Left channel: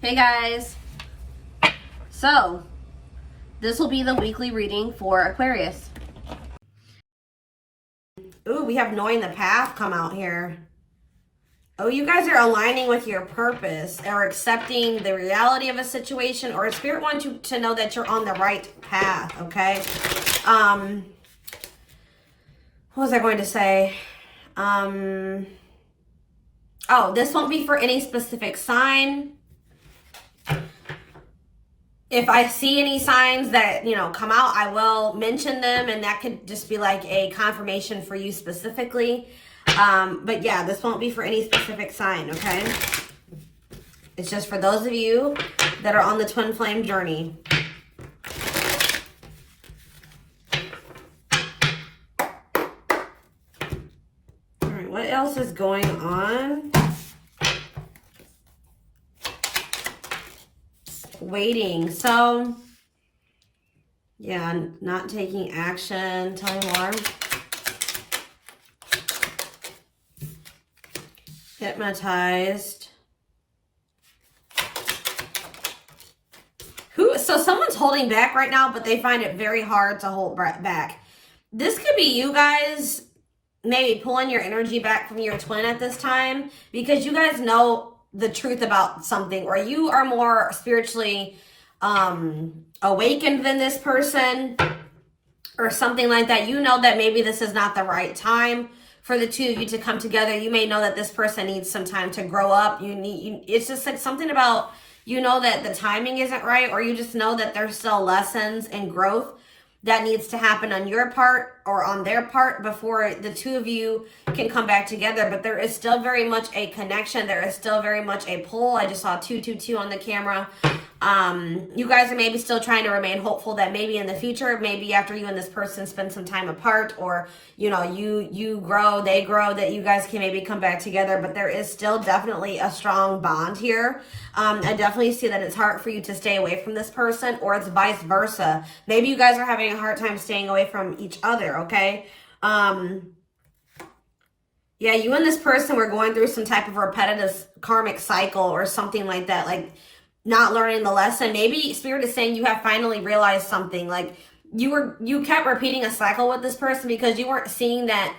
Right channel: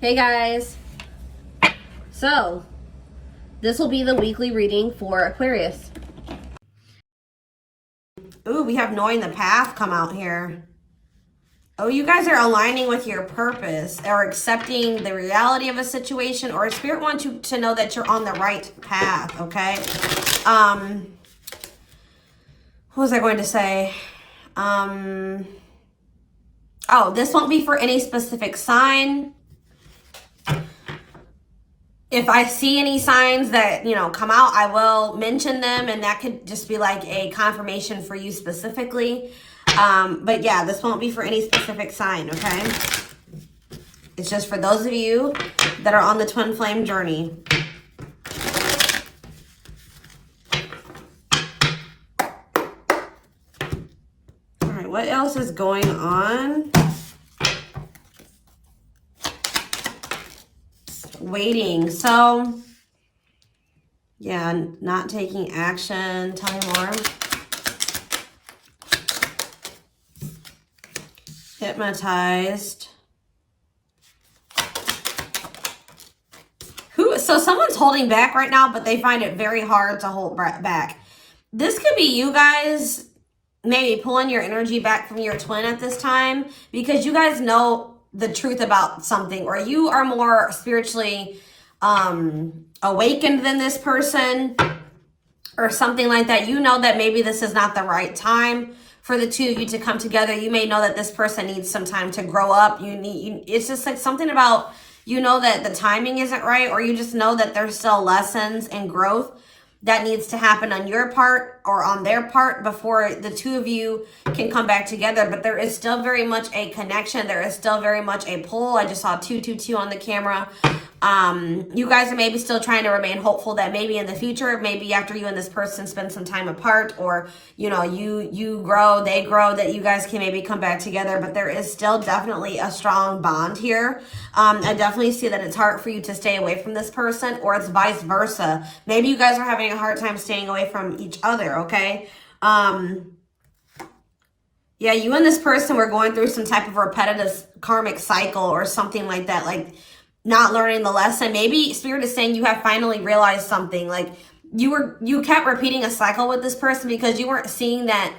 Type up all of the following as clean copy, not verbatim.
Hey guys, so this will be the weekly reading for Aquarius. Ooh, we have knowing the path come out here. Oh, you guys are aligning with your purpose or accepting the reality of a situation, or Spirit wants you to know that you're on the right path, okay? What was I going to say? Oh, this won't be for any specific sign. If I see any signs that, come out, I will mention them, and that could just be like a confirmation for you specifically. But yeah, this won't be for any specific sign, okay? It's just for those of you that are on the twin flame journey. All right, what else is going on? Waiting. So, yeah, not taking action. Tell me more. Hypnotized. So someone's holding back right now, but they find it very hard to hold back. This could be you guys maybe pulling your energy back from your twin at this time, because you guys know the truth about something, or you are more spiritually awakened than this person or something like that. You know that maybe this is not the right time for the two of you to come together. You may know that this person needs some time to grow up. It's just like something about, that the timing isn't right, or you just know that there's still lessons and growth that needs to happen on your part or on their part before the two of you can come back together. But there is still very much a connection. There is still very much a pull. I just saw 222 on the camera. You guys are maybe still trying to remain hopeful that maybe in the future, maybe after you and this person spend some time apart, or you grow, they grow, that you guys can maybe come back together. But there is still definitely a strong bond here. I definitely see that it's hard for you to stay away from this person, or it's vice versa. Maybe you guys are having a hard time staying away from each other, okay? Yeah, you and this person were going through some type of repetitive karmic cycle or something like that, like not learning the lesson. Maybe Spirit is saying you have finally realized something. Like you kept repeating a cycle with this person because you weren't seeing that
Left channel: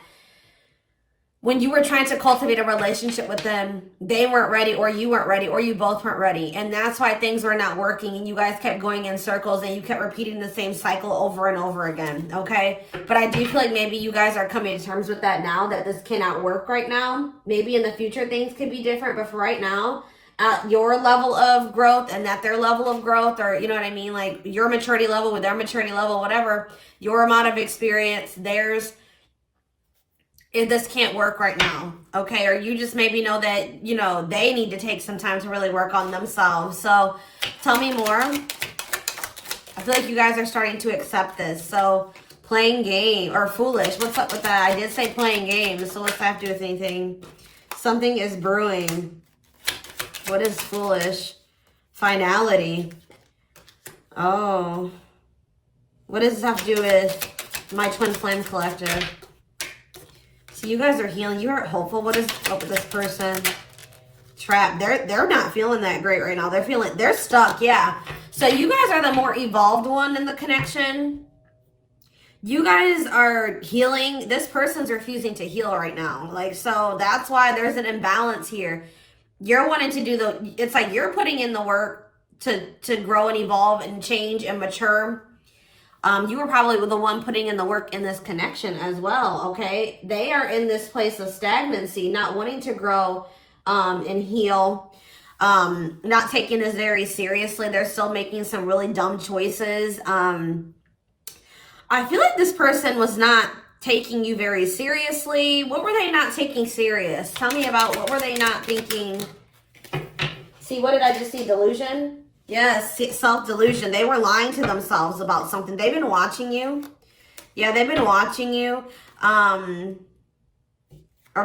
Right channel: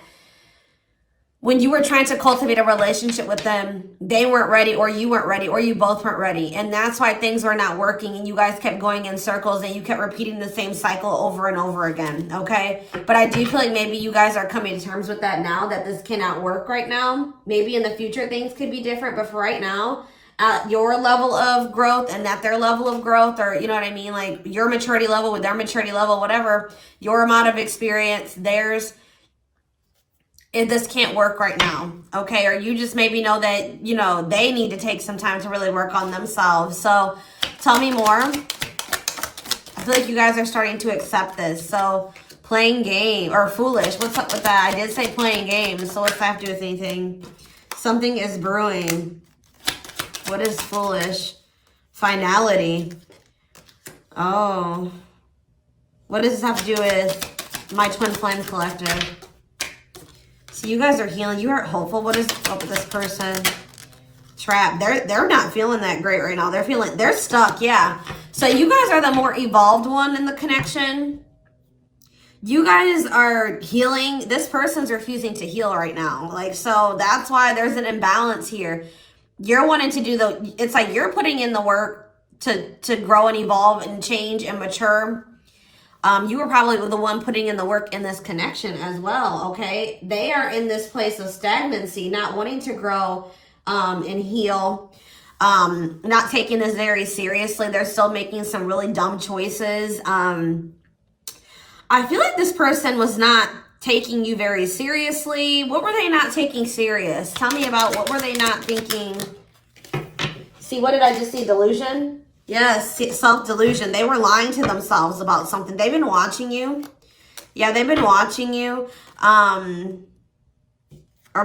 when you were trying to cultivate a relationship with them, they weren't ready, or you weren't ready, or you both weren't ready. And that's why things were not working, and you guys kept going in circles, and you kept repeating the same cycle over and over again, okay? But I do feel like maybe you guys are coming to terms with that now, that this cannot work right now. Maybe in the future things could be different, but for right now, your level of growth and that their level of growth, or you know what I mean, like your maturity level with their maturity level, whatever, your amount of experience, theirs, this can't work right now, okay? Or you just maybe know that, they need to take some time to really work on themselves. So tell me more. I feel like you guys are starting to accept this. So playing game or foolish, what's up with that? I did say playing games, so what's that have to do with anything? Something is brewing. What is foolish? Finality. Oh. What does this have to do with my twin flame collector? So you guys are healing. You are hopeful. What is up with this person? Trap. They're not feeling that great right now. They're stuck. Yeah. So you guys are the more evolved one in the connection. You guys are healing. This person's refusing to heal right now. So that's why there's an imbalance here. You're wanting to do it's like you're putting in the work to grow and evolve and change and mature. You were probably the one putting in the work in this connection as well, okay? They are in this place of stagnancy, not wanting to grow and heal, not taking this very seriously. They're still making some really dumb choices. I feel like this person was not taking you very seriously. What were they not taking serious? Tell me about what were they not thinking? See, what did I just see? Delusion? Yes, self-delusion. They were lying to themselves about something. They've been watching you. Yeah, they've been watching you. Or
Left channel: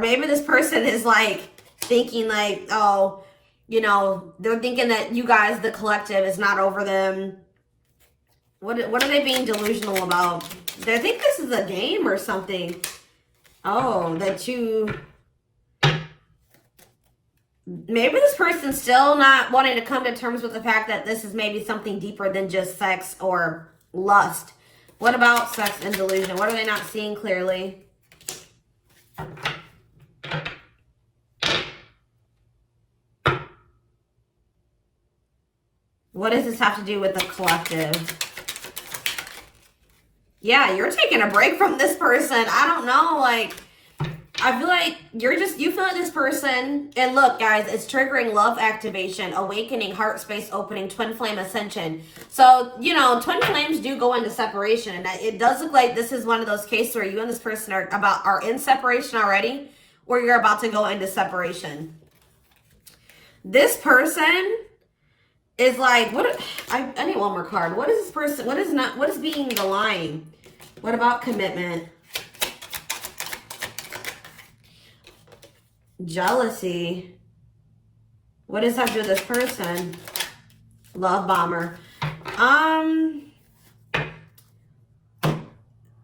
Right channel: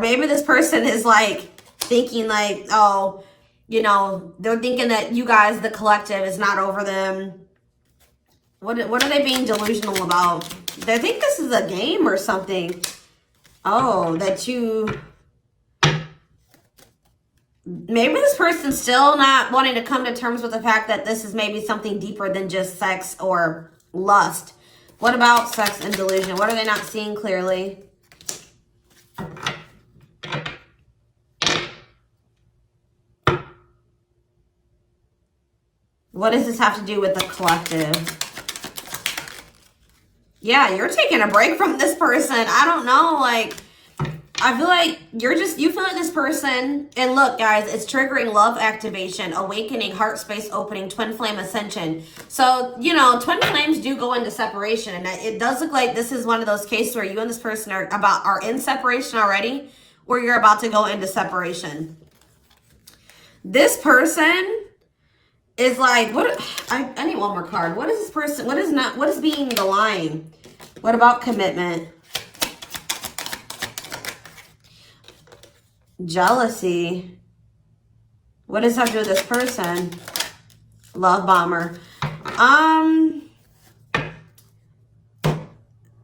maybe this person is thinking oh, they're thinking that you guys, the collective, is not over them. What are they being delusional about? They think this is a game or something. Oh, that you... maybe this person's still not wanting to come to terms with the fact that this is maybe something deeper than just sex or lust. What about sex and delusion? What are they not seeing clearly? What does this have to do with the collective? Yeah, you're taking a break from this person. I don't know, like, I feel like you feel like this person, and look, guys, it's triggering love activation, awakening, heart space opening, twin flame ascension. So, you know, twin flames do go into separation, and it does look like this is one of those cases where you and this person are in separation already, or you're about to go into separation. This person is like, I need one more card. What is this person, what is being the line? What about commitment? Jealousy. What does that have to do with this person? Love bomber.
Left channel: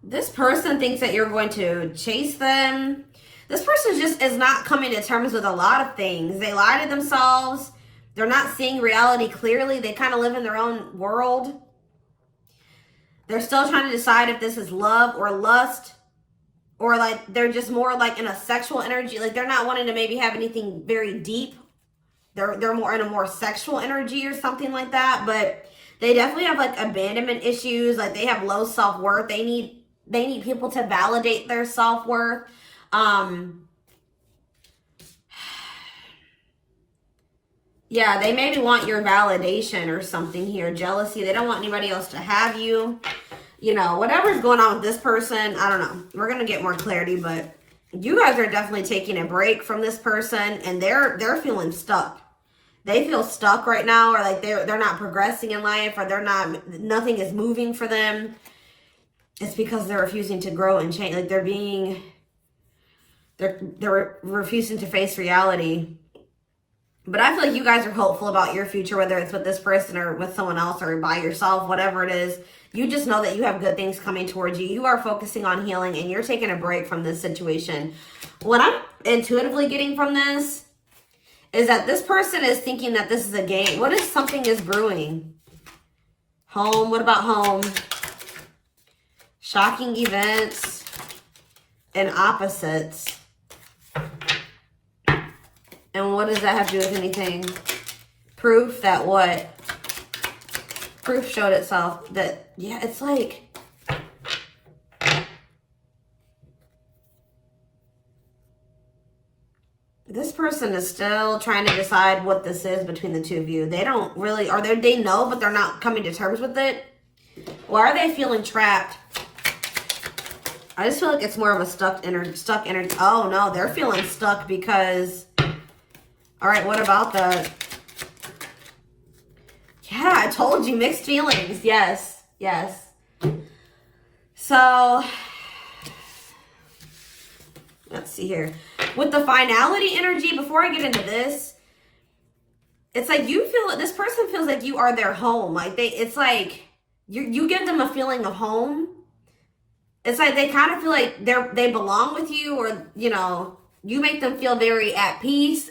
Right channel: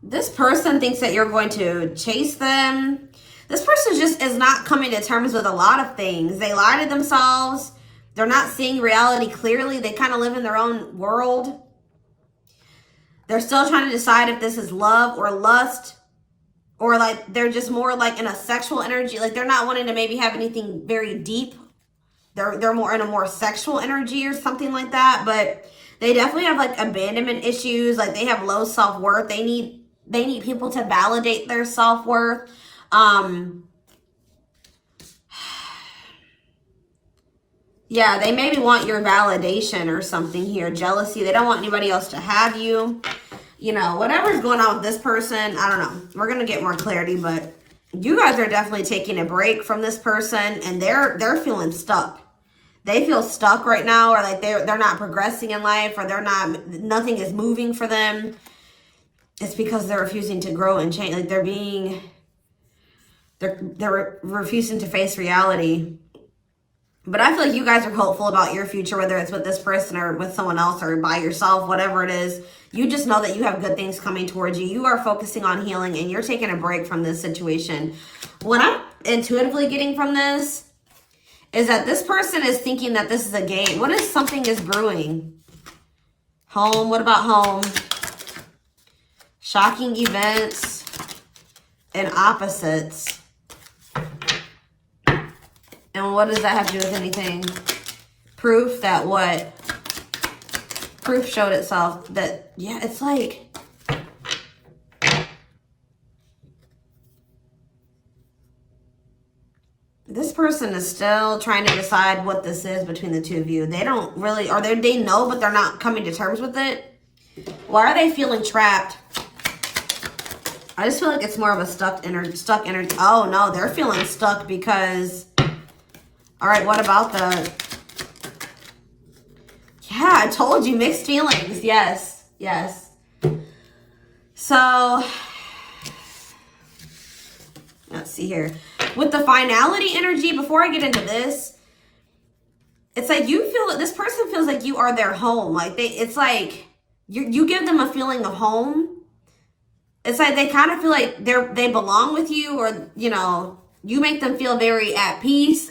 This person thinks that you're going to chase them. This person just is not coming to terms with a lot of things. They lie to themselves. They're not seeing reality clearly. They kind of live in their own world. They're still trying to decide if this is love or lust. Or like they're just more like in a sexual energy. Like they're not wanting to maybe have anything very deep. They're more in a more sexual energy or something like that. But they definitely have like abandonment issues. Like they have low self-worth. They need people to validate their self-worth. Yeah, they maybe want your validation or something here. Jealousy. They don't want anybody else to have you. You know, whatever's going on with this person, I don't know. We're going to get more clarity, but you guys are definitely taking a break from this person, and they're feeling stuck. They feel stuck right now, or like they're not progressing in life, or nothing is moving for them. It's because they're refusing to grow and change. Like they're refusing to face reality. But I feel like you guys are hopeful about your future, whether it's with this person or with someone else or by yourself, whatever it is. You just know that you have good things coming towards you. You are focusing on healing, and you're taking a break from this situation. What I'm intuitively getting from this is that this person is thinking that this is a game. What if something is brewing? Home. What about home? Shocking events and opposites. And what does that have to do with anything? Proof that what? Proof showed itself that, yeah, it's like, this person is still trying to decide what this is between the two of you. They don't really, or they know, but they're not coming to terms with it. Why are they feeling trapped? I just feel like it's more of a stuck energy. Oh no, they're feeling stuck because, all right, what about the, yeah, I told you, mixed feelings. Yes, yes. So, let's see here. With the finality energy, before I get into this, it's like you feel, this person feels like you are their home. Like it's like you give them a feeling of home. It's like they kind of feel like they belong with you, or, you know, you make them feel very at peace.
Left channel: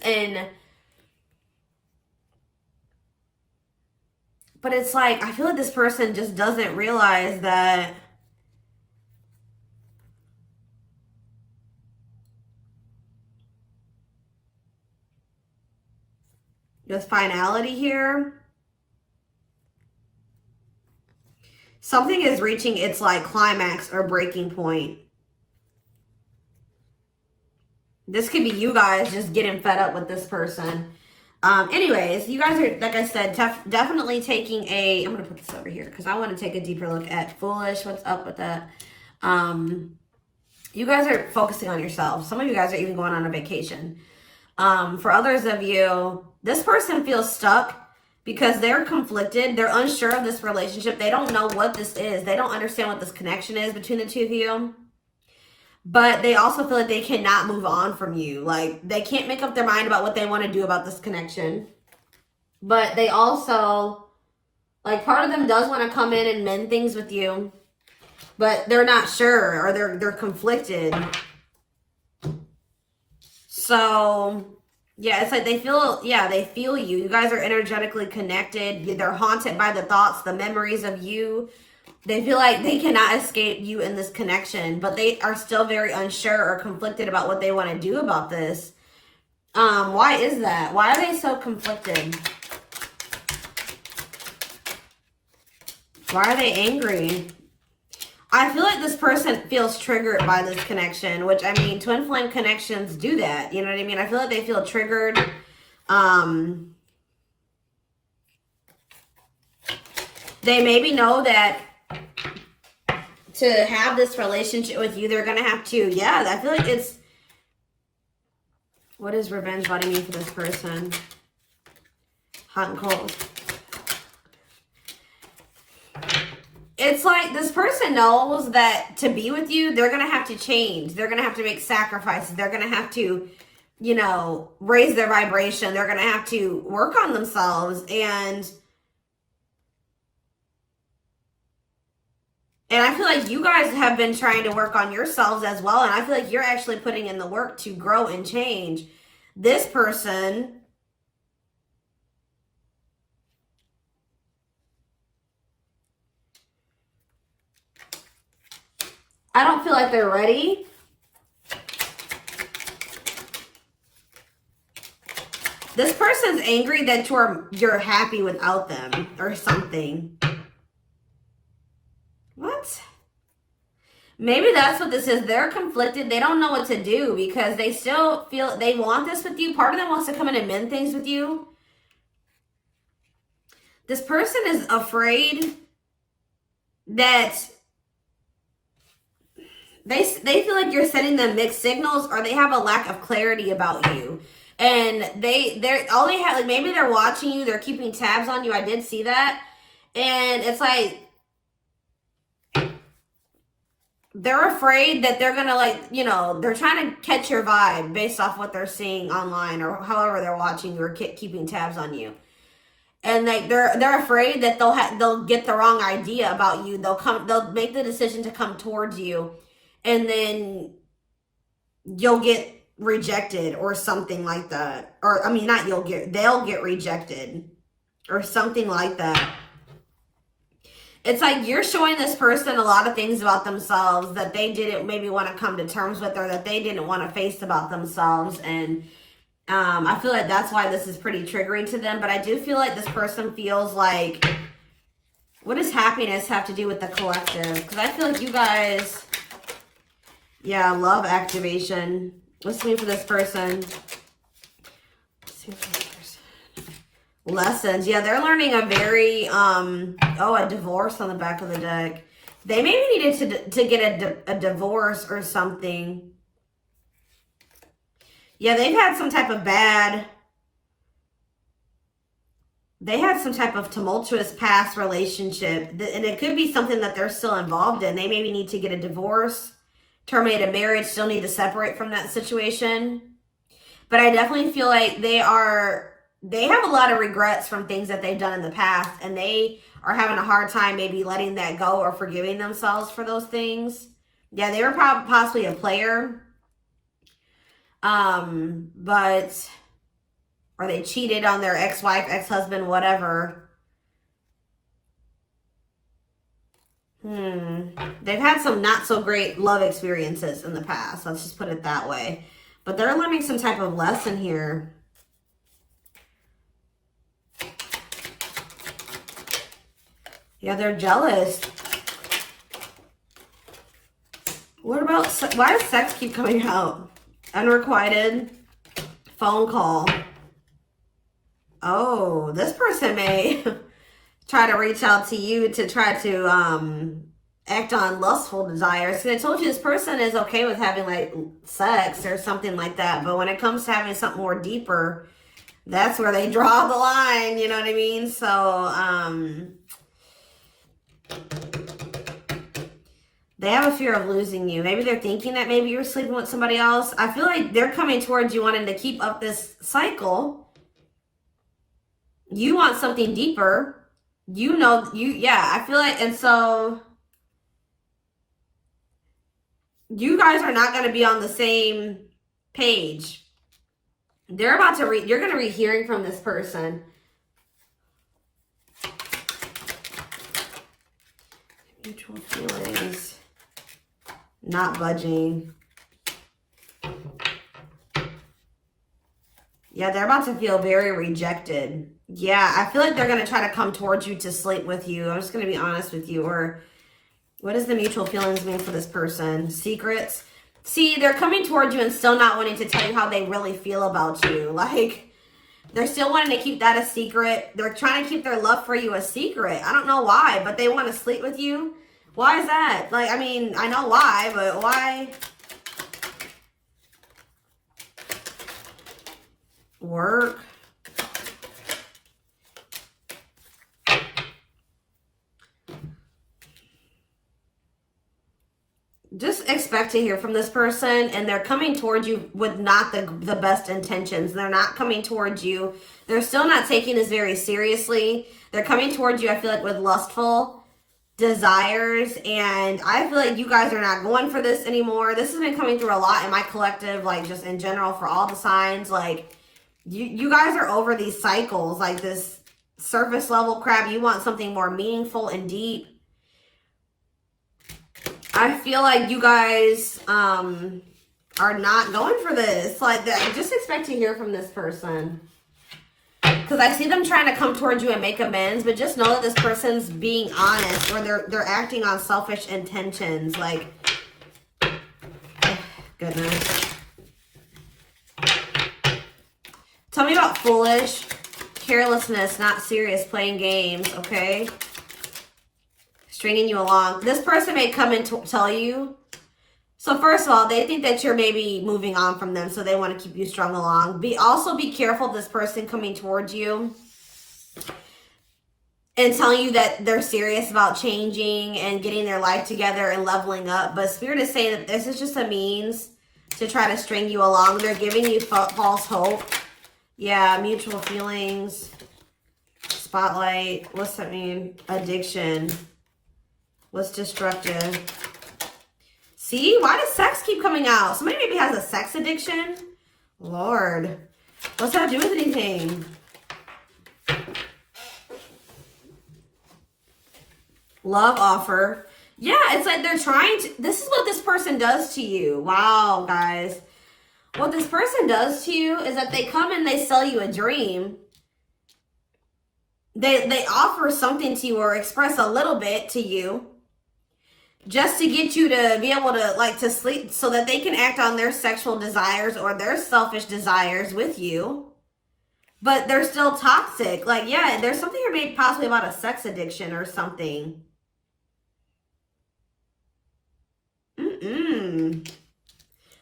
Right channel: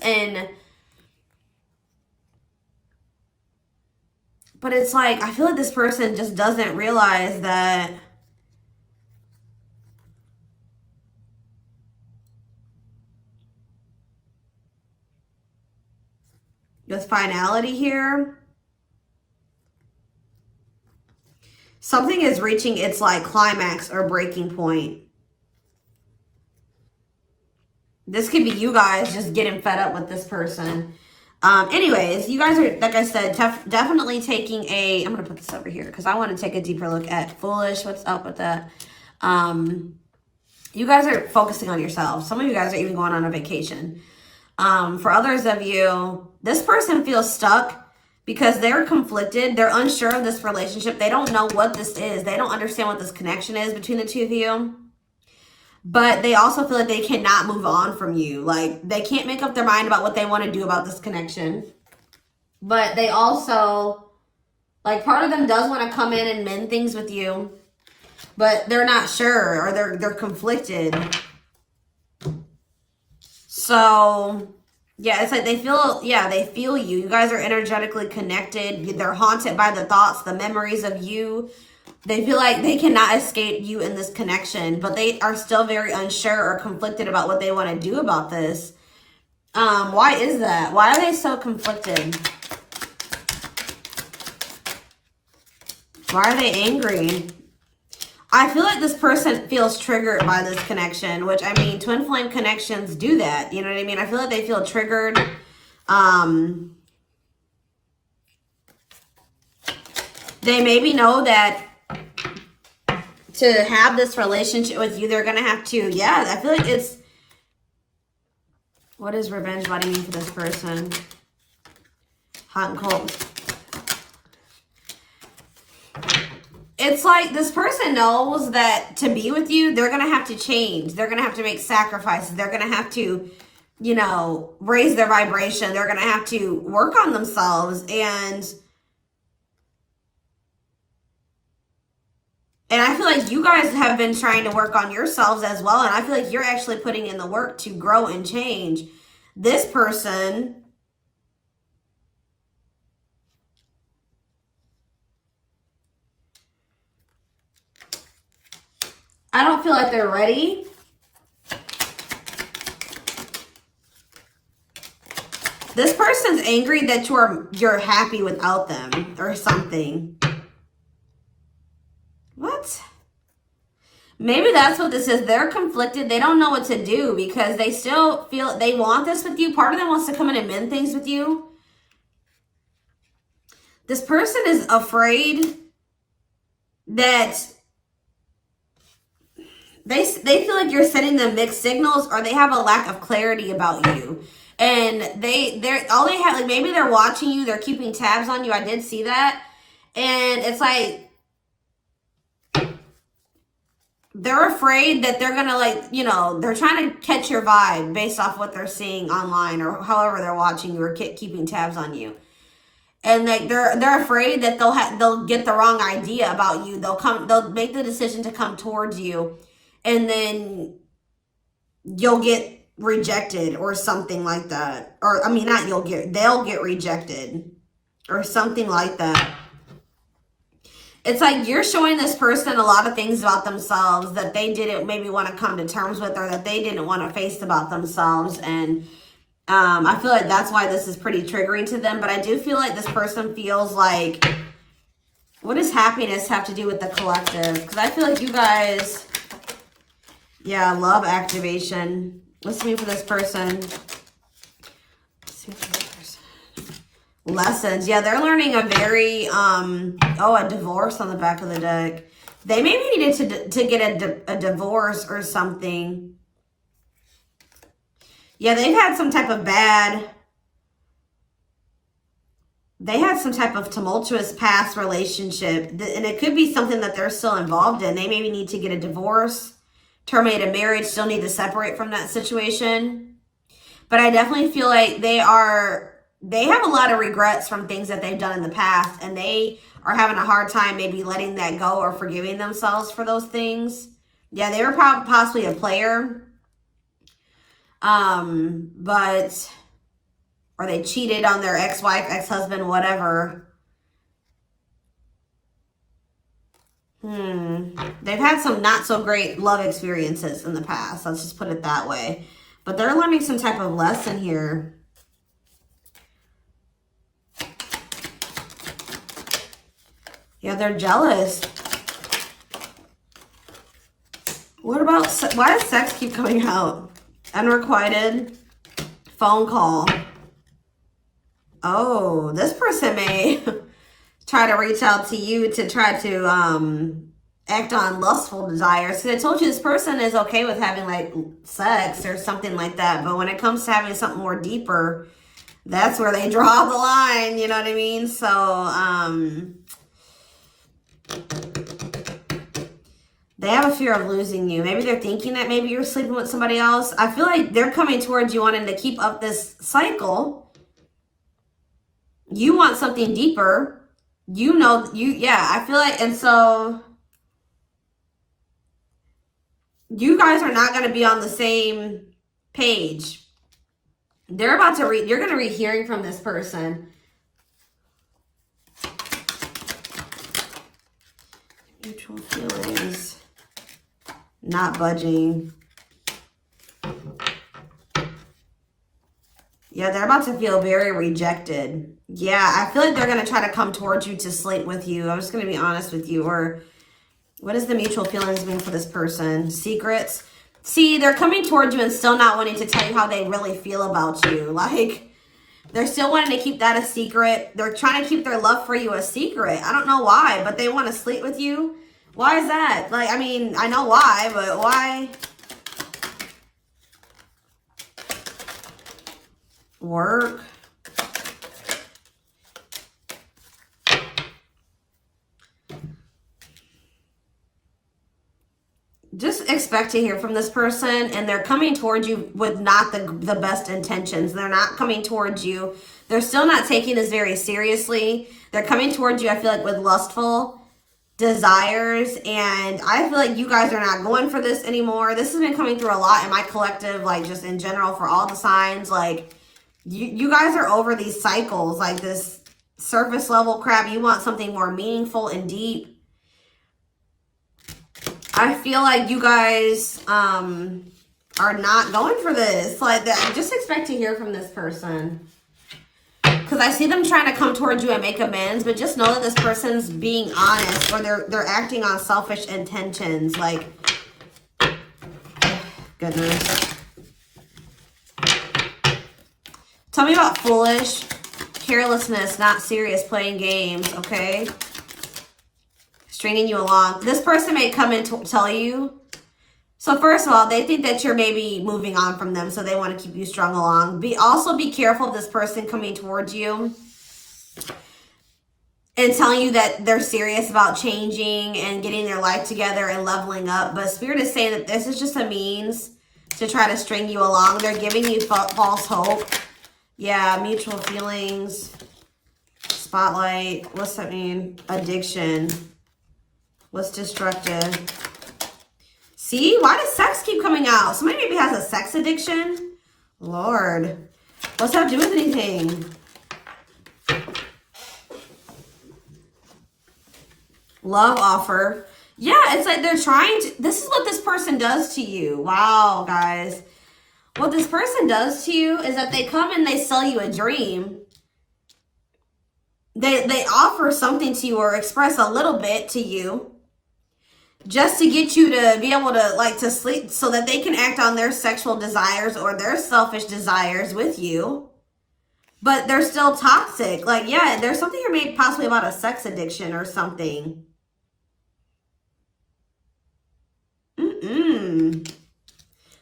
But it's like, I feel like this person just doesn't realize that with finality here, something is reaching its like climax or breaking point. This could be you guys just getting fed up with this person. Anyways, you guys are, like I said, definitely taking a, I'm going to put this over here because I want to take a deeper look at foolish. What's up with that? You guys are focusing on yourselves. Some of you guys are even going on a vacation. For others of you, this person feels stuck because they're conflicted. They're unsure of this relationship. They don't know what this is. They don't understand what this connection is between the two of you. But they also feel like they cannot move on from you. Like, they can't make up their mind about what they want to do about this connection. But they also, like, part of them does want to come in and mend things with you. But they're not sure, or they're conflicted. So, Yeah, it's like they feel, yeah, they feel you. You guys are energetically connected. They're haunted by the thoughts, the memories of you. They feel like they cannot escape you in this connection, but they are still very unsure or conflicted about what they want to do about this. Why is that? Why are they so conflicted? Why are they angry? I feel like this person feels triggered by this connection, which, I mean, twin flame connections do that. You know what I mean? I feel like they feel triggered. They maybe know that to have this relationship with you, they're going to have to, yeah, I feel like it's, what is revenge body mean for this person? Hot and cold. It's like this person knows that to be with you, they're going to have to change. They're going to have to make sacrifices. They're going to have to, you know, raise their vibration. They're going to have to work on themselves. And I feel like you guys have been trying to work on yourselves as well. And I feel like you're actually putting in the work to grow and change. This person, I don't feel like they're ready. This person's angry that you're happy without them or something. What? Maybe that's what this is. They're conflicted. They don't know what to do because they still feel they want this with you. Part of them wants to come in and mend things with you. This person is afraid that they feel like you're sending them mixed signals, or they have a lack of clarity about you. And they're all they have, like, maybe they're watching you, they're keeping tabs on you. I did see that. And it's like they're afraid that they're gonna, like, you know, they're trying to catch your vibe based off what they're seeing online or however they're watching you or keeping tabs on you. And like they're afraid that they'll get the wrong idea about you. They'll make the decision to come towards you, and then you'll get rejected or something like that. Or I mean, they'll get rejected or something like that. It's like you're showing this person a lot of things about themselves that they didn't maybe want to come to terms with, or that they didn't want to face about themselves. And I feel like that's why this is pretty triggering to them. But I do feel like this person feels like, what does happiness have to do with the collective? Because I feel like you guys, yeah, love activation. Let's see for this person. Let's see for this person. Lessons. Yeah, they're learning a very, a divorce on the back of the deck. They maybe needed to get a divorce or something. Yeah, they had some type of tumultuous past relationship. And it could be something that they're still involved in. They maybe need to get a divorce, terminate a marriage, still need to separate from that situation. But I definitely feel like they have a lot of regrets from things that they've done in the past. And they are having a hard time maybe letting that go or forgiving themselves for those things. Yeah, they were possibly a player. Or they cheated on their ex-wife, ex-husband, whatever. They've had some not so great love experiences in the past. Let's just put it that way. But they're learning some type of lesson here. Yeah, they're jealous. What about, why does sex keep coming out? Unrequited phone call. Oh, this person may try to reach out to you to try to act on lustful desires. So I told you this person is okay with having like sex or something like that. But when it comes to having something more deeper, that's where they draw the line. You know what I mean? So they have a fear of losing you. Maybe they're thinking that maybe you're sleeping with somebody else. I feel like they're coming towards you wanting to keep up this cycle. You want something deeper. I feel like, and so you guys are not going to be on the same page. They're about to read, you're going to be hearing from this person. Mutual feelings. Not budging. Yeah, they're about to feel very rejected. Yeah, I feel like they're going to try to come towards you to sleep with you. I'm just going to be honest with you. Or what is the mutual feelings mean for this person? Secrets. See, they're coming towards you and still not wanting to tell you how they really feel about you. Like, they're still wanting to keep that a secret. They're trying to keep their love for you a secret. I don't know why, but they want to sleep with you. Why is that? Like, I mean, I know why, but why? Work. Just expect to hear from this person, and they're coming towards you with not the best intentions. They're not coming towards you. They're still not taking this very seriously. They're coming towards you, I feel like, with lustful desires, and I feel like you guys are not going for this anymore. This has been coming through a lot in my collective, like just in general for all the signs. Like, you guys are over these cycles, like this surface level crap. You want something more meaningful and deep. I feel like you guys are not going for this. Like, just expect to hear from this person. Because I see them trying to come towards you and make amends, but just know that this person's being honest, or they're acting on selfish intentions. Like, goodness. Tell me about foolish, carelessness, not serious, playing games, okay? Stringing you along. This person may come and tell you. So first of all, they think that you're maybe moving on from them, so they want to keep you strung along. Also be careful of this person coming towards you and telling you that they're serious about changing and getting their life together and leveling up. But Spirit is saying that this is just a means to try to string you along. They're giving you false hope. Yeah, mutual feelings. Spotlight. What's that mean? Addiction. What's destructive? See? Why does sex keep coming out? Somebody maybe has a sex addiction? Lord. What's that do with anything? Love offer. Yeah, it's like they're trying to... This is what this person does to you. Wow, guys. What this person does to you is that they come and they sell you a dream. They offer something to you or express a little bit to you, just to get you to be able to, like, to sleep, so that they can act on their sexual desires or their selfish desires with you. But they're still toxic. Like, yeah, there's something here maybe possibly about a sex addiction or something.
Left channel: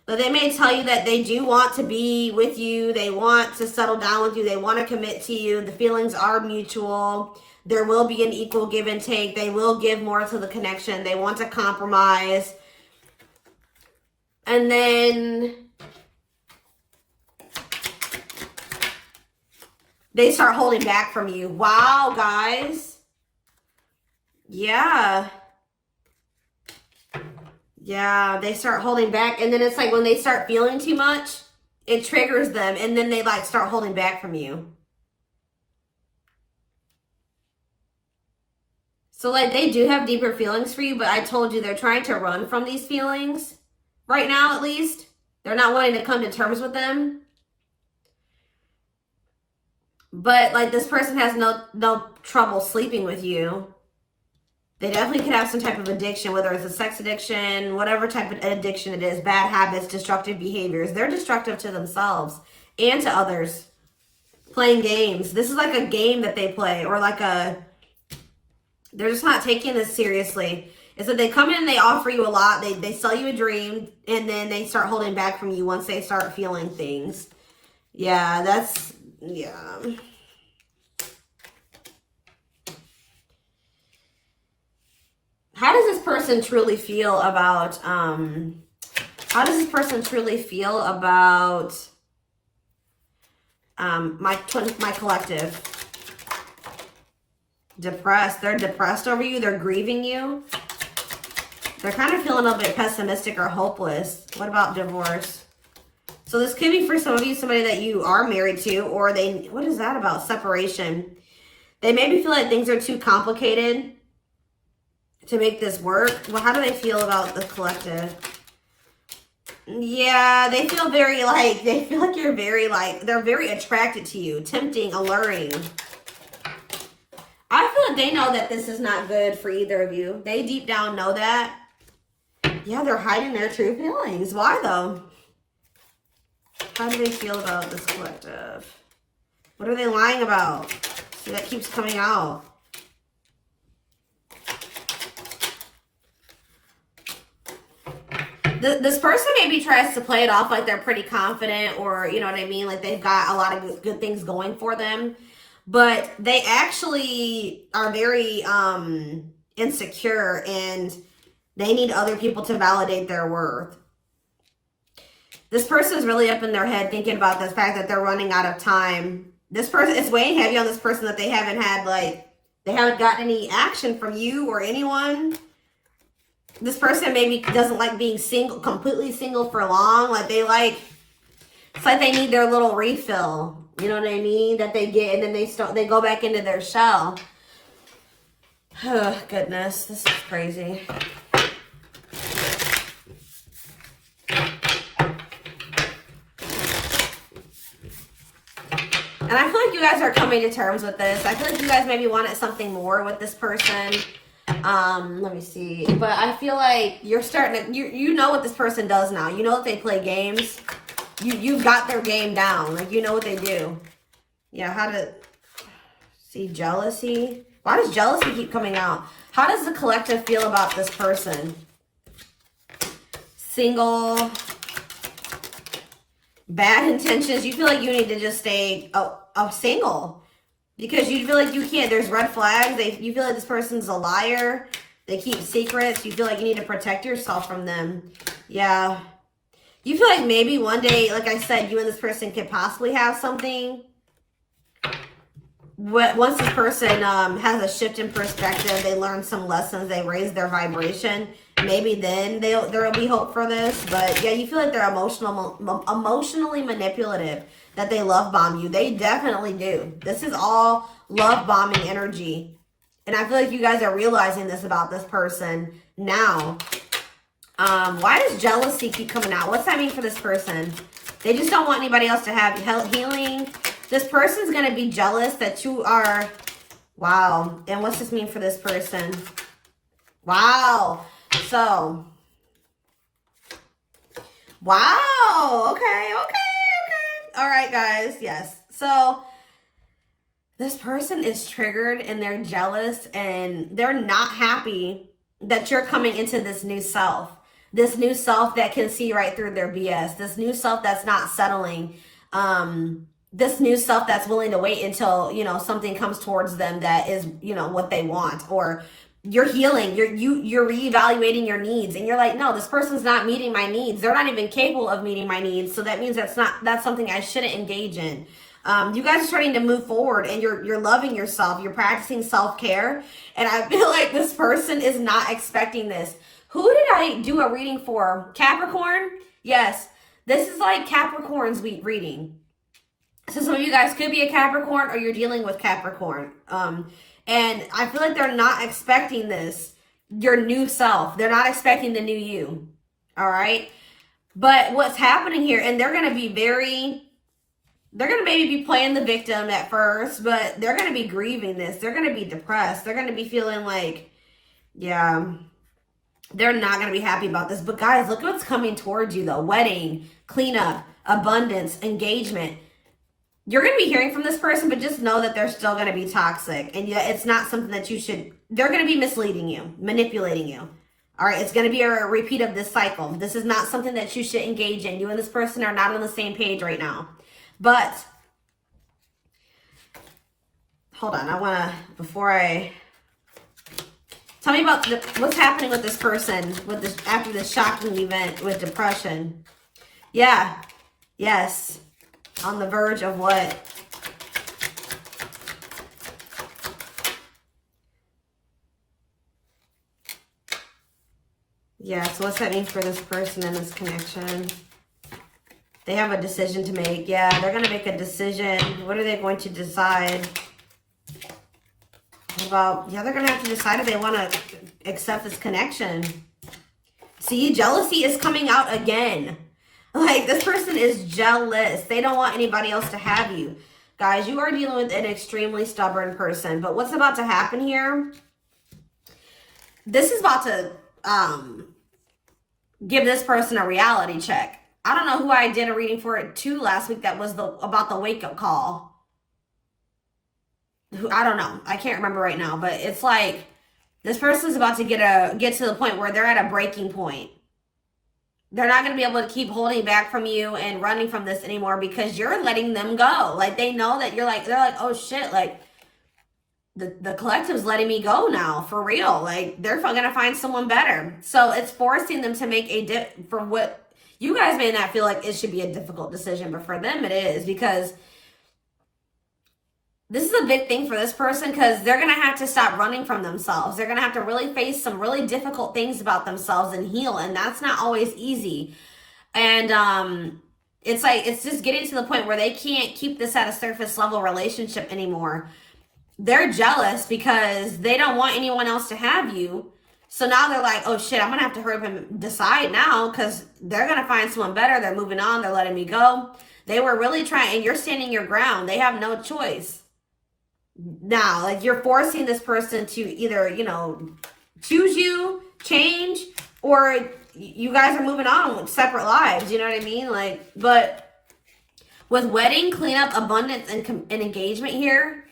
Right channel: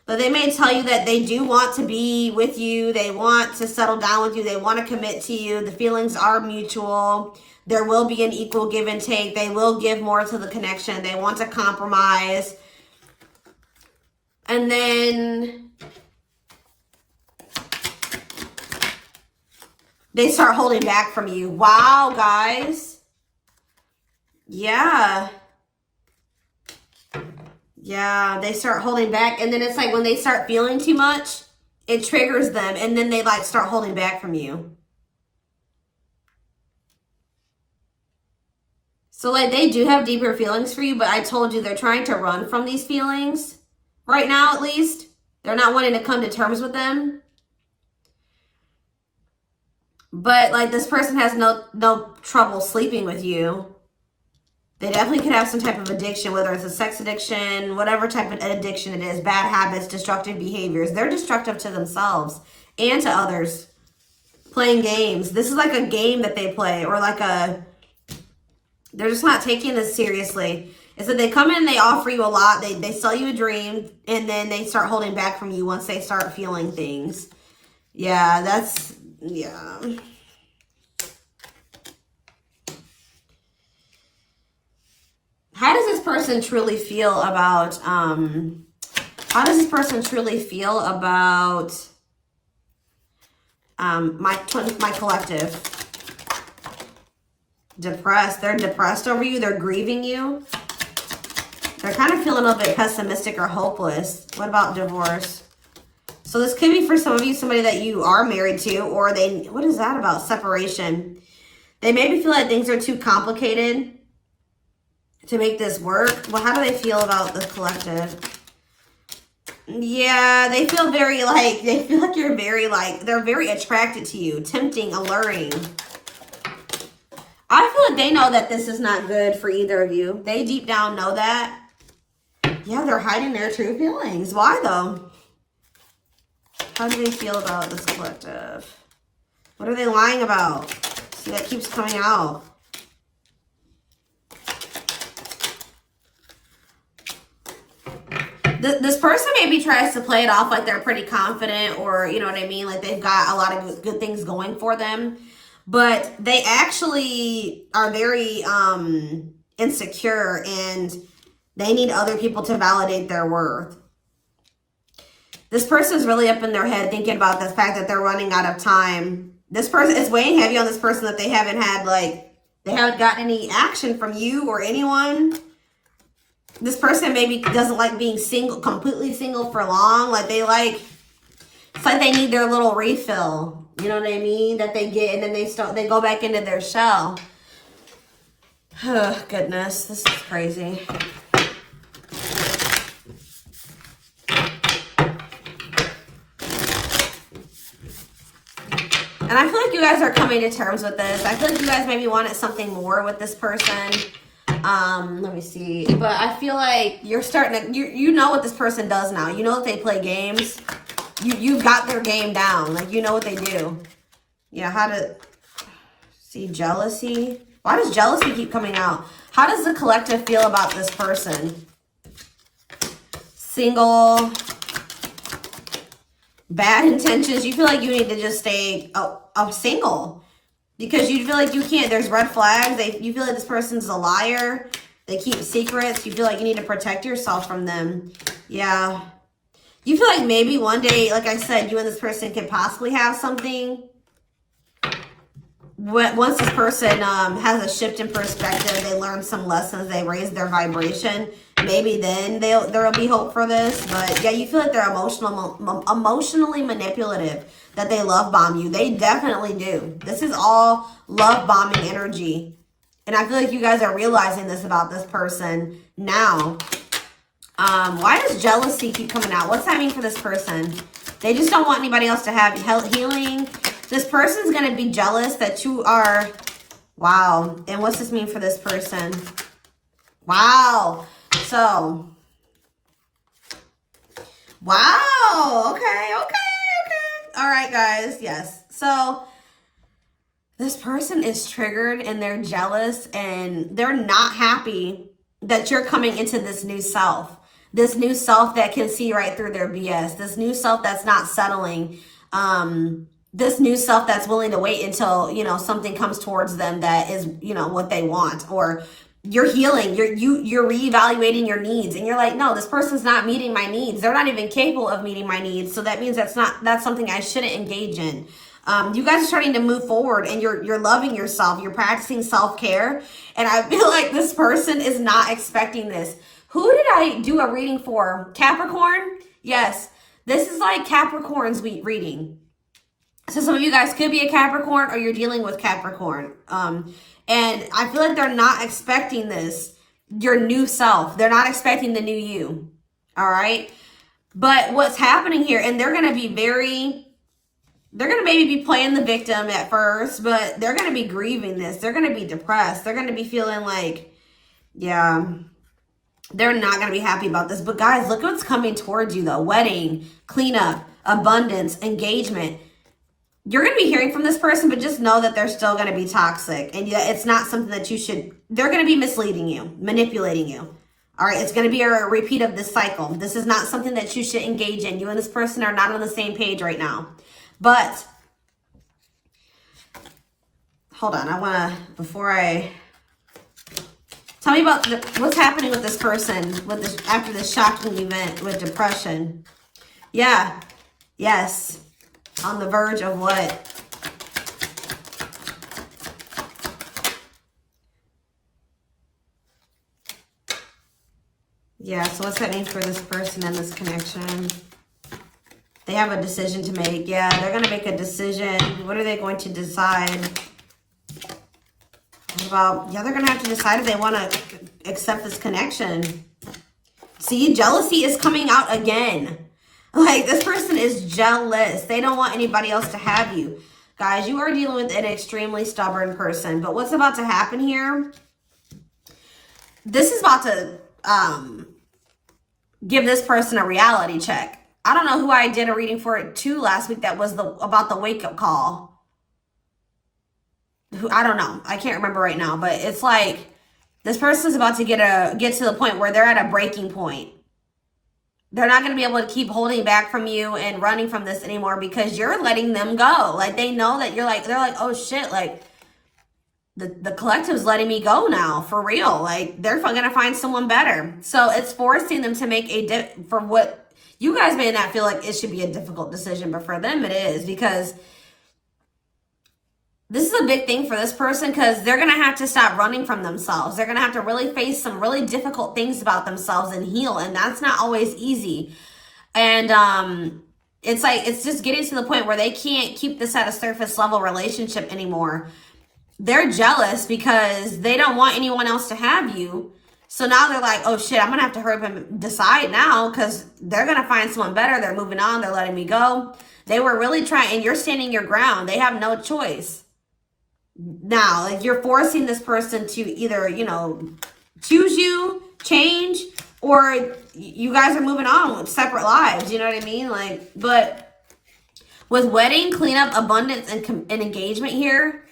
But they may tell you that they do want to be with you. They want to settle down with you. They want to commit to you. The feelings are mutual. There will be an equal give and take. They will give more to the connection. They want to compromise. And then they start holding back from you. Wow, guys. Yeah. Yeah, they start holding back. And then it's like when they start feeling too much, it triggers them. And then they like start holding back from you. So like they do have deeper feelings for you, but I told you they're trying to run from these feelings. Right now, at least. They're not wanting to come to terms with them. But like this person has no trouble sleeping with you. They definitely could have some type of addiction, whether it's a sex addiction, whatever type of addiction it is, bad habits, destructive behaviors. They're destructive to themselves and to others. Playing games. This is like a game that they play, or like they're just not taking this seriously. It's that they come in, they offer you a lot, they sell you a dream, and then they start holding back from you once they start feeling things. Yeah, yeah. How does this person truly feel about, my collective? Depressed. They're depressed over you. They're grieving you. They're kind of feeling a little bit pessimistic or hopeless. What about divorce? So this could be for some of you, somebody that you are married to, or they, what is that about? Separation. They maybe feel like things are too complicated to make this work. Well, how do they feel about the collective? Yeah, they feel very like, they feel like you're very like, they're very attracted to you, tempting, alluring. I feel like they know that this is not good for either of you. They deep down know that. Yeah, they're hiding their true feelings. Why though? How do they feel about this collective? What are they lying about? See, that keeps coming out. This person maybe tries to play it off like they're pretty confident, or you know what I mean, like they've got a lot of good things going for them, but they actually are very insecure, and they need other people to validate their worth. This person's really up in their head thinking about the fact that they're running out of time. This person is weighing heavy on this person that they haven't had, like, they haven't gotten any action from you or anyone. This person maybe doesn't like being single, completely single for long. Like they like, it's like they need their little refill. You know what I mean? That they get, and then they go back into their shell. Oh, goodness, this is crazy. And I feel like you guys are coming to terms with this. I feel like you guys maybe wanted something more with this person. Let me see. But I feel like you're starting to, you know what this person does now. You know that they play games. You've got their game down. Like, you know what they do. Yeah, how to see jealousy. Why does jealousy keep coming out? How does the collective feel about this person? Single. Bad intentions. You feel like you need to just stay single. Because you feel like you can't, there's red flags. You feel like this person's a liar. They keep secrets. You feel like you need to protect yourself from them. Yeah. You feel like maybe one day, like I said, you and this person could possibly have something. But once this person has a shift in perspective, they learn some lessons, they raise their vibration, maybe then there'll be hope for this. But yeah, you feel like they're emotionally manipulative, that they love bomb you. They definitely do. This is all love bombing energy. And I feel like you guys are realizing this about this person now. Why does jealousy keep coming out? What's that mean for this person? They just don't want anybody else to have healing. This person's going to be jealous that you are, wow. And what's this mean for this person? Wow. So, wow. Okay. All right, guys. Yes. So, this person is triggered and they're jealous and they're not happy that you're coming into this new self. This new self that can see right through their BS. This new self that's not settling. This new self that's willing to wait until, you know, something comes towards them that is, you know, what they want. Or you're healing, you're reevaluating your needs, and you're like, no, this person's not meeting my needs. They're not even capable of meeting my needs. So that means that's something I shouldn't engage in. You guys are starting to move forward, and you're loving yourself. You're practicing self-care. And I feel like this person is not expecting this. Who did I do a reading for? Capricorn? Yes. This is like Capricorn's week reading. So some of you guys could be a Capricorn, or you're dealing with Capricorn. And I feel like they're not expecting this, your new self. They're not expecting the new you. All right. But what's happening here, and they're going to be they're going to maybe be playing the victim at first, but they're going to be grieving this. They're going to be depressed. They're going to be feeling like, yeah, they're not going to be happy about this. But guys, look what's coming towards you though. Wedding, cleanup, abundance, engagement. You're going to be hearing from this person, but just know that they're still going to be toxic. And yeah, it's not something that you should, they're going to be misleading you, manipulating you. All right, it's going to be a repeat of this cycle. This is not something that you should engage in. You and this person are not on the same page right now. But, hold on, I want to, tell me about what's happening with this person after this shocking event with depression. Yeah, yes. On the verge of what? Yeah, so what's that mean for this person and this connection? They have a decision to make. Yeah, they're going to make a decision. What are they going to decide? What about, yeah, they're going to have to decide if they want to accept this connection. See, jealousy is coming out again. Like, this person is jealous. They don't want anybody else to have you. Guys, you are dealing with an extremely stubborn person. But what's about to happen here? This is about to give this person a reality check. I don't know who I did a reading for it too last week that was about the wake-up call. I don't know. I can't remember right now. But it's like this person's about to get to the point where they're at a breaking point. They're not going to be able to keep holding back from you and running from this anymore because you're letting them go. Like, they know that they're like, oh shit, like, the collective's letting me go now, for real. Like, they're going to find someone better. So it's forcing them to make for what you guys may not feel like it should be a difficult decision, but for them it is, because this is a big thing for this person, because they're going to have to stop running from themselves. They're going to have to really face some really difficult things about themselves and heal. And that's not always easy. And it's like, it's just getting to the point where they can't keep this at a surface level relationship anymore. They're jealous because they don't want anyone else to have you. So now they're like, oh shit, I'm going to have to hurry up and decide now, because they're going to find someone better. They're moving on. They're letting me go. They were really trying, and you're standing your ground. They have no choice. Now, like, you're forcing this person to either, you know, choose you, change, or you guys are moving on with separate lives. You know what I mean? Like, but with wedding, cleanup, abundance, and engagement here,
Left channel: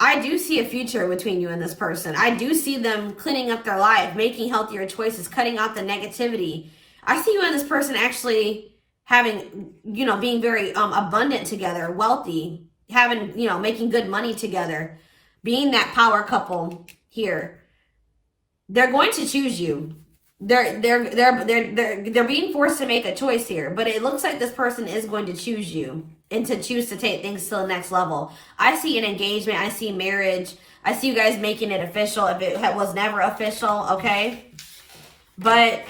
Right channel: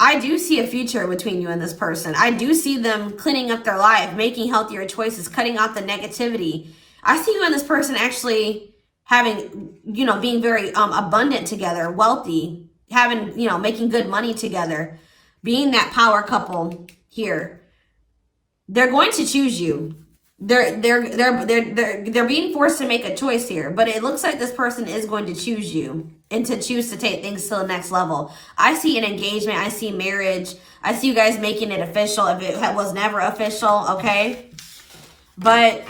I do see a future between you and this person. I do see them cleaning up their life, making healthier choices, cutting out the negativity. I see you and this person actually having, you know, being very abundant together, wealthy, having, you know, making good money together, being that power couple here. They're going to choose you. They're being forced to make a choice here, but it looks like this person is going to choose you and to choose to take things to the next level. I see an engagement. I see marriage. I see you guys making it official if it was never official, okay? But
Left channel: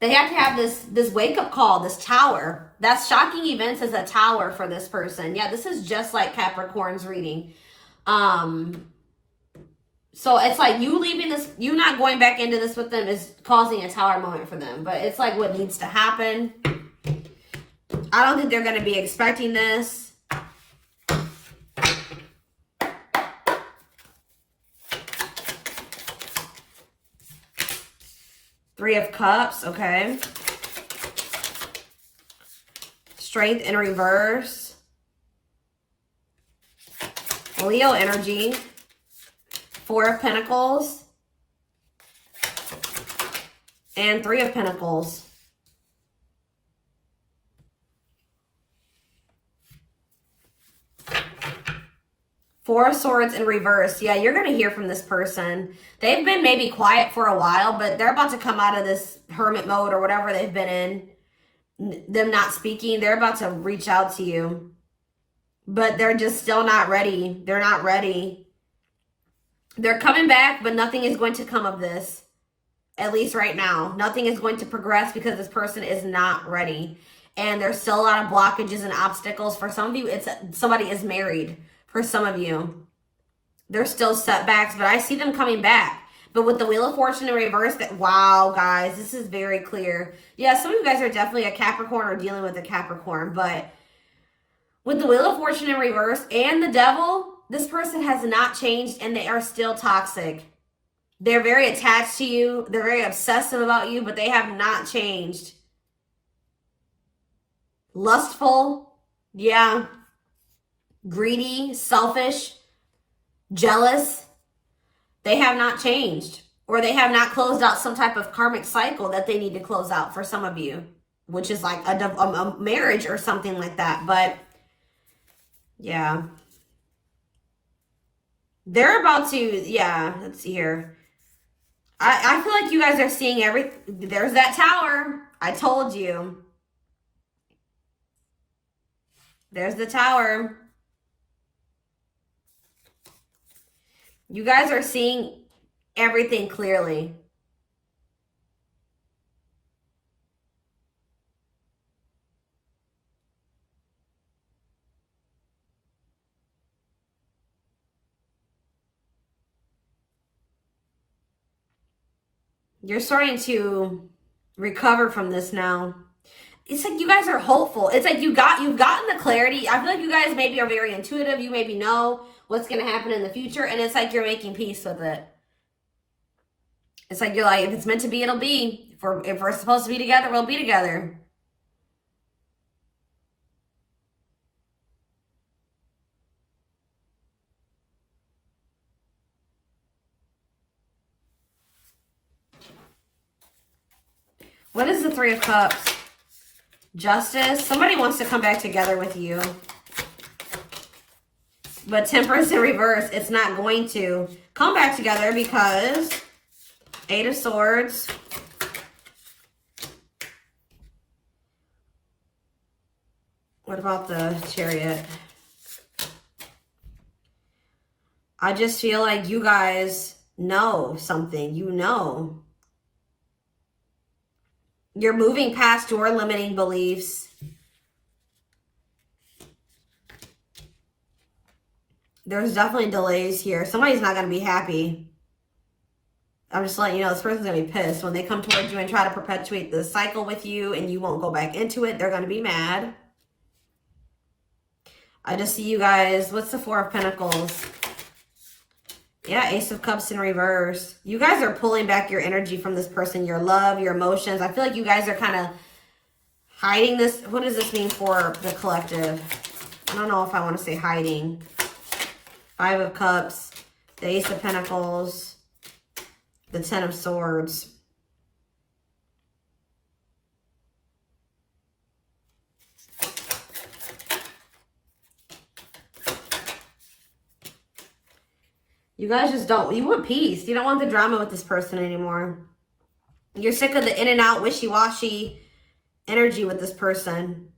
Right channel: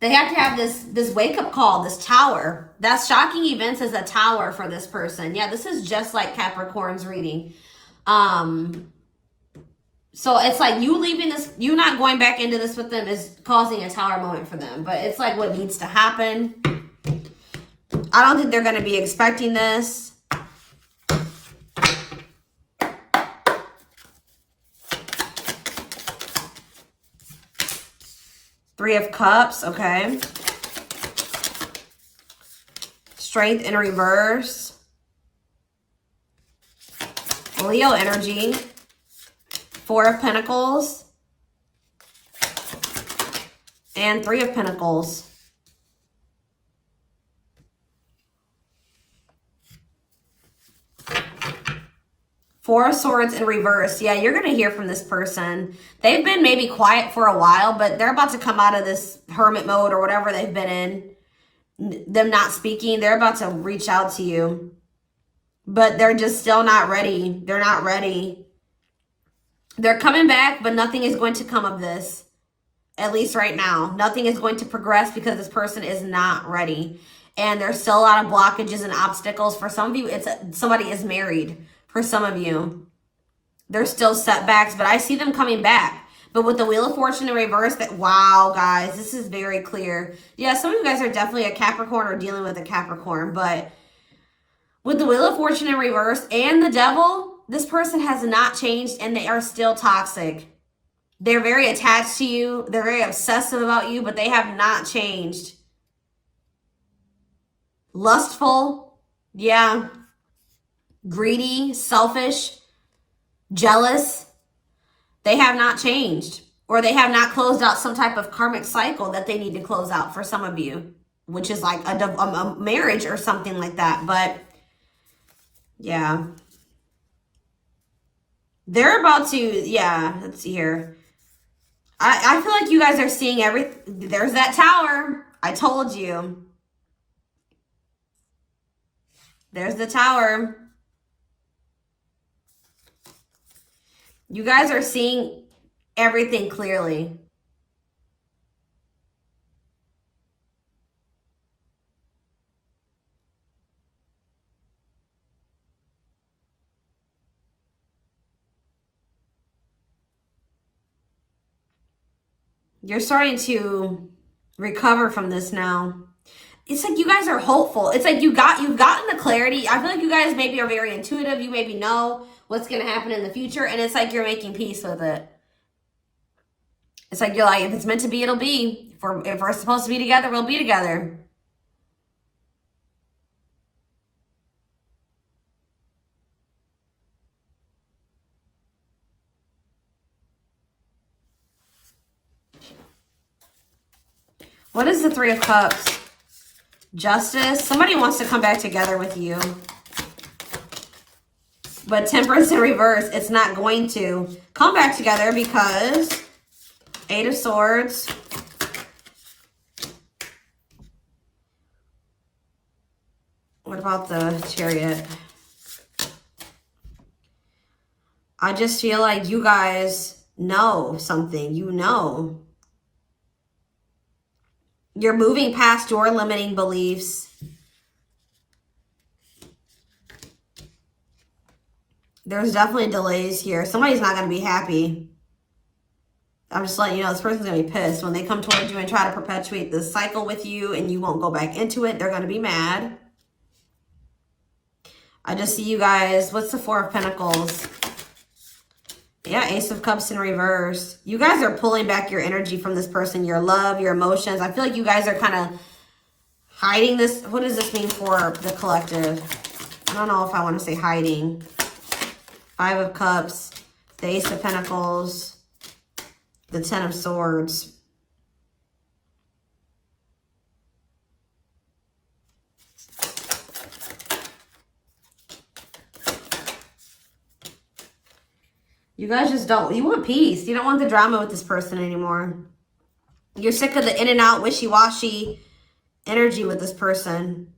they have to have this wake-up call, this tower. That's shocking events as a tower for this person. Yeah, this is just like Capricorn's reading. So it's like you leaving this, you not going back into this with them is causing a tower moment for them. But it's like what needs to happen. I don't think they're going to be expecting this. Three of Cups, okay. Strength in reverse. Leo energy. Four of Pentacles. And Three of Pentacles. Four of Swords in reverse. Yeah, you're going to hear from this person. They've been maybe quiet for a while, but they're about to come out of this hermit mode or whatever they've been in. Them not speaking. They're about to reach out to you. But they're just still not ready. They're not ready. They're coming back, but nothing is going to come of this. At least right now. Nothing is going to progress because this person is not ready. And there's still a lot of blockages and obstacles. For some of you, somebody is married. For some of you, there's still setbacks, but I see them coming back. But with the Wheel of Fortune in reverse, wow, guys, this is very clear. Yeah, some of you guys are definitely a Capricorn or dealing with a Capricorn, but with the Wheel of Fortune in reverse and the Devil, this person has not changed and they are still toxic. They're very attached to you. They're very obsessive about you, but they have not changed. Lustful, yeah. Greedy, selfish, jealous. They have not changed, or they have not closed out some type of karmic cycle that they need to close out for some of you, which is like a marriage or something like that. But yeah, they're about to, yeah, let's see here. I feel like you guys are seeing everything. There's that tower. I told you. There's the tower. You guys are seeing everything clearly. You're starting to recover from this now. It's like you guys are hopeful. It's like you've gotten the clarity. I feel like you guys maybe are very intuitive. You maybe know what's going to happen in the future. And it's like you're making peace with it. It's like you're like, if it's meant to be, it'll be. If we're supposed to be together, we'll be together. What is the Three of Cups? Justice. Somebody wants to come back together with you. But Temperance in reverse, it's not going to come back together because Eight of Swords. What about the Chariot? I just feel like you guys know something. You know. You're moving past your limiting beliefs. There's definitely delays here. Somebody's not going to be happy. I'm just letting you know this person's going to be pissed. When they come towards you and try to perpetuate this cycle with you and you won't go back into it, they're going to be mad. I just see you guys. What's the Four of Pentacles? Yeah, Ace of Cups in reverse. You guys are pulling back your energy from this person, your love, your emotions. I feel like you guys are kind of hiding this. What does this mean for the collective? I don't know if I want to say hiding. Five of Cups, the Ace of Pentacles, the Ten of Swords. You guys just don't, you want peace. You don't want the drama with this person anymore. You're sick of the in and out, wishy-washy energy with this person.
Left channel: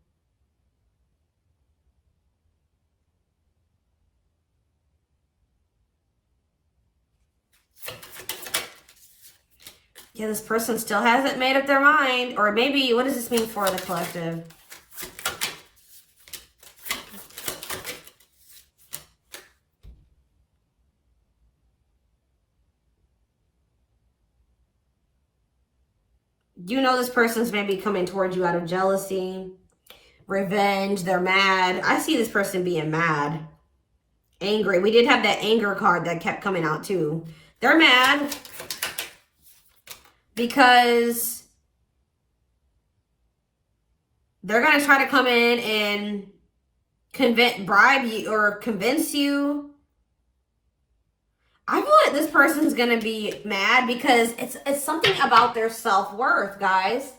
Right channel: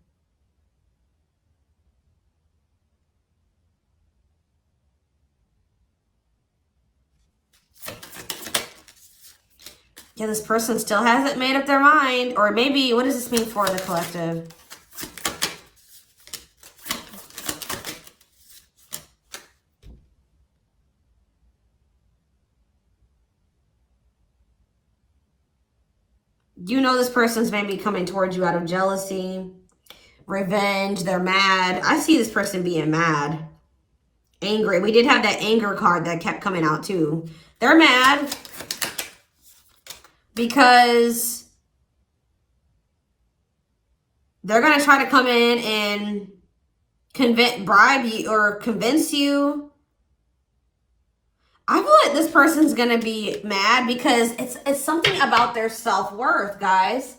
Yeah, this person still hasn't made up their mind. Or maybe, what does this mean for the collective? You know this person's maybe coming towards you out of jealousy, revenge. They're mad. I see this person being mad, angry. We did have that anger card that kept coming out too. They're mad because they're going to try to come in and bribe you or convince you. I feel like this person's going to be mad because it's something about their self-worth, guys.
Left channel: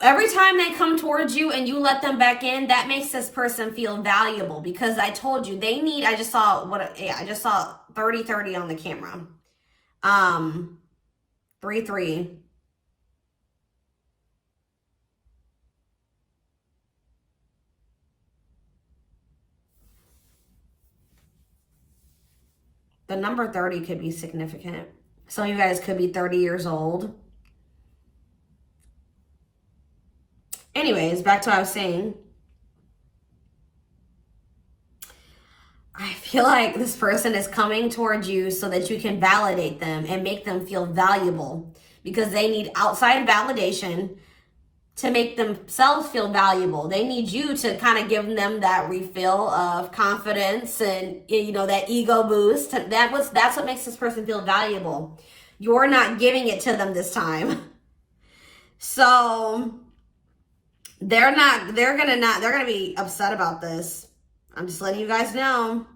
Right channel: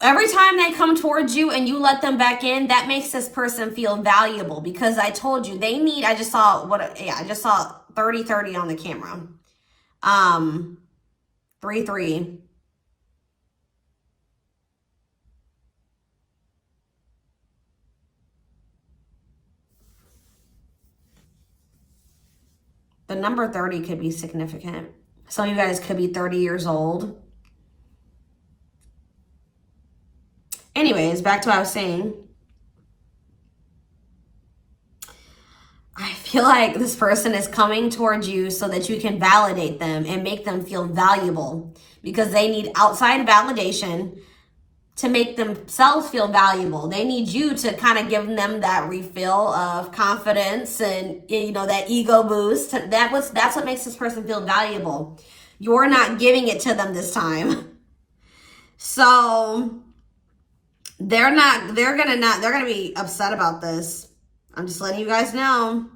Every time they come towards you and you let them back in, that makes this person feel valuable because I told you they need, I just saw 30-30 on the camera. 3-3. The number 30 could be significant. Some of you guys could be 30 years old. Anyways, back to what I was saying. I feel like this person is coming towards you so that you can validate them and make them feel valuable because they need outside validation to make themselves feel valuable. They need you to kind of give them that refill of confidence and, you know, that ego boost. That's what makes this person feel valuable. You're not giving it to them this time. So they're gonna be upset about this. I'm just letting you guys know.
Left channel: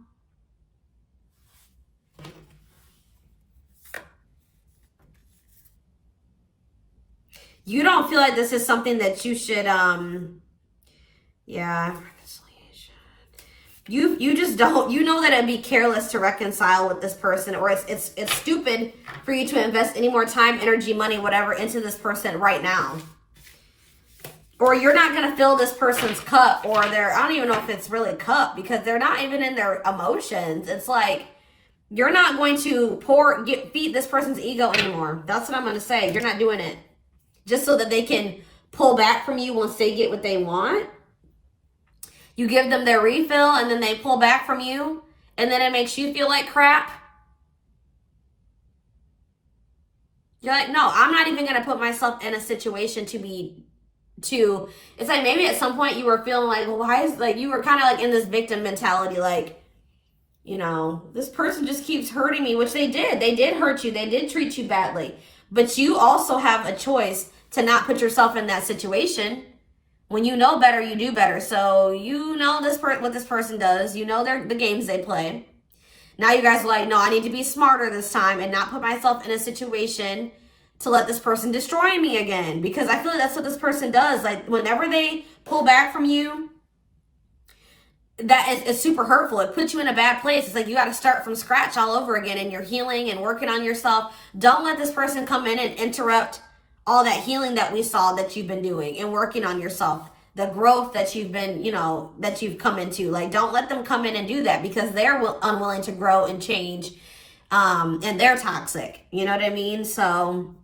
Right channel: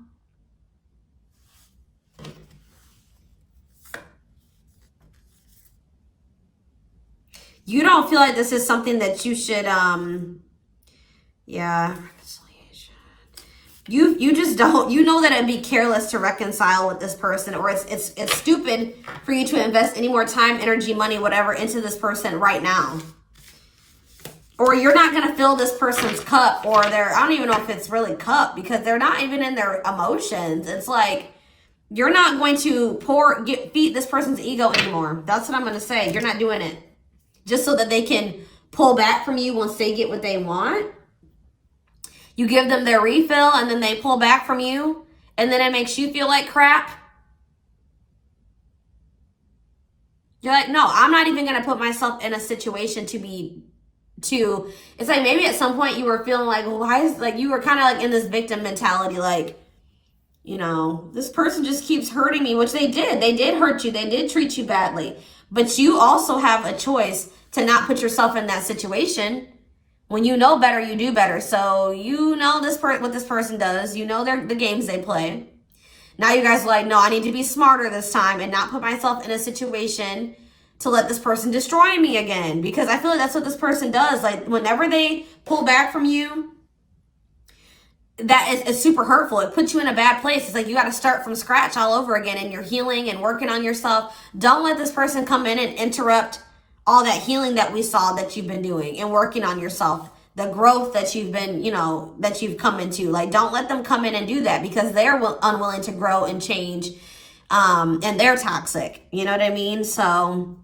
You don't feel like this is something that you should, yeah. You just don't, you know that it'd be careless to reconcile with this person, or it's stupid for you to invest any more time, energy, money, whatever into this person right now. Or you're not going to fill this person's cup, or I don't even know if it's really cup because they're not even in their emotions. It's like, you're not going to feed this person's ego anymore. That's what I'm going to say. You're not doing it. Just so that they can pull back from you once they get what they want. You give them their refill and then they pull back from you. And then it makes you feel like crap. You're like, no, I'm not even gonna put myself in a situation to it's like maybe at some point you were feeling like, well, why is, like, you were kind of like in this victim mentality, like, you know, this person just keeps hurting me, which they did hurt you, they did treat you badly, but you also have a choice to not put yourself in that situation. When you know better, you do better. So you know what this person does, you know the games they play. Now you guys are like, no, I need to be smarter this time and not put myself in a situation to let this person destroy me again. Because I feel like that's what this person does. Like, whenever they pull back from you, that is super hurtful. It puts you in a bad place. It's like you got to start from scratch all over again, and you're healing and working on yourself. Don't let this person come in and interrupt all that healing that we saw that you've been doing and working on yourself. The growth that you've been, you know, that you've come into. Like, don't let them come in and do that, because they're unwilling to grow and change, and they're toxic. You know what I mean? So